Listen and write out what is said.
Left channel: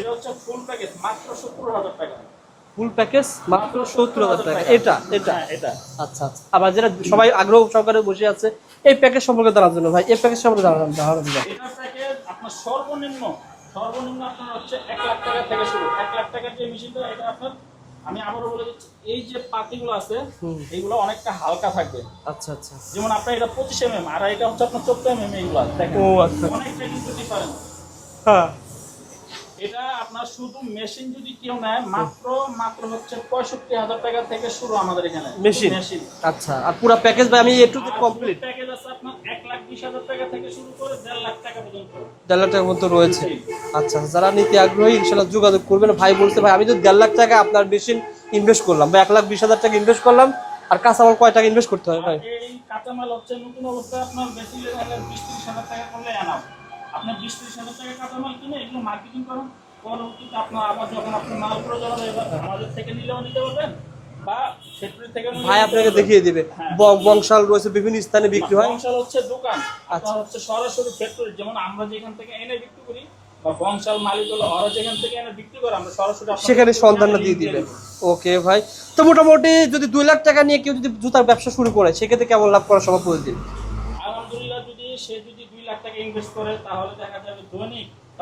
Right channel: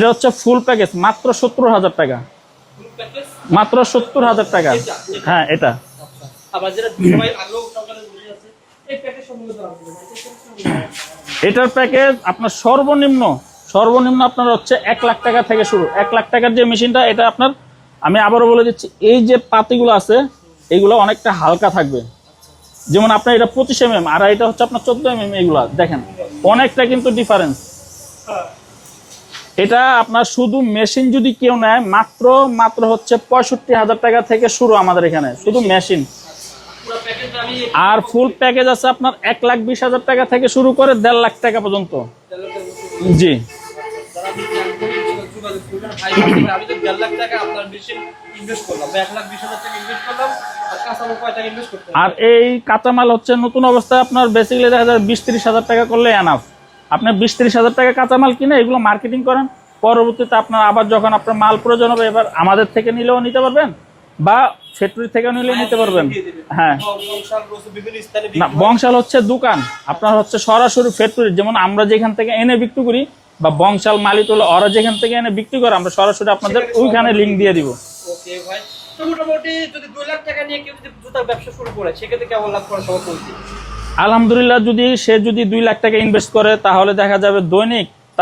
এটা হচ্ছে full package মাত্র 70,000 টাকা। ফুল প্যাকেজ মাত্র 70,000 টাকা। হ্যাঁ এটা। আচ্ছা আচ্ছা। আবার যারা সবাই আগ্রহ সহকারে বসে আছে এই প্যাকেজ সম্পর্কে জানার জন্য ভাই, এই প্যাকেজ সম্পর্কে এটার প্যাকেজ আপনার সর্বনিম্ন আপনার হচ্ছে 1 লাখ টাকা থেকে শুরু। 1 লাখ টাকার যে মেশিনটা, এটা আপনার আমি আবারও বলে দিচ্ছি, এই যে পাতিগুলো আছে এগুলো অনেকটা হালকা থাকবে। আচ্ছা আচ্ছা। যেমন আপনার এটা 25 mm আর এটা হচ্ছে আপনার 14 mm, এগুলো দেখেন অনেকটা কিন্তু ডিফারেন্স। হ্যাঁ, এটা আপনার শুধু মেশিন যদি কেউ নেয় মাত্র হচ্ছে 65,000 টাকা থেকে শুরু আমাদের এখানে শুধু মেশিন। আচ্ছা, আর পুরো প্যাকেজ ভাই আমি আর ফুল প্যাকেজ আছে আপনার 1,20,000 টাকা থেকে শুরু করে 1.5 লাখ টাকা পর্যন্ত। 1.5 লাখ টাকার মতো রয়েছে। জি আচ্ছা, যারা নিতে আগ্রহী ইনশাআল্লাহ যোগাযোগ করবেন। ভাই বলতে ভাই আমি তো 1.5 লাখ টাকা আপনার মেশিন ইনভেস্ট করলাম বা 1,20,000 টাকা ইনভেস্ট করলাম, আর কাঁচামাল কয় টাকা ইনভেস্ট করতে হবে? আর এই কাঁচামাল হচ্ছে নতুন অবস্থায় আপনার বেসিক্যালি দেখা যায় 20-30,000 টাকা করলে এনাফ। আপনি 20-30,000 টাকা কাঁচামাল কিনে এগুলো মার্কেটিং করেন, পরবর্তীতে আপনার আবার যখন আপনার মাল প্রয়োজন হবে, এবার আমাদের থেকে নিলেও নিতে পারবেন বা ফ্যাক্টরি থেকে নিলেও নিতে পারবেন। হ্যাঁ, বংশাল রয়েছে বিভিন্ন স্থানে বিক্রি হয়। বংশাল হচ্ছে দোকান, আপনার হচ্ছে সরাসরি ফ্যাক্টরি, যেমন আমরা যেখান থেকে এনে বিক্রি করি বা বংশাল মালিক হলো ওরা যেখান থেকে এনে বিক্রি করে, আমরা সরাসরি আপনাদের ওখানে লিংক দিয়ে দিব। ওকে ভাই, তো মোটামুটি যদি 2 লাখ টাকা নিয়ে কেউ যদি জুতার ব্যবসা শুরু করে সেক্ষেত্রে কেমন লাভ করা সম্ভব? আলহামদুলিল্লাহ, যদি সে 2 লাখ টাকা ইনভেস্ট করে তাহলে দেখা যাবে দৈনিক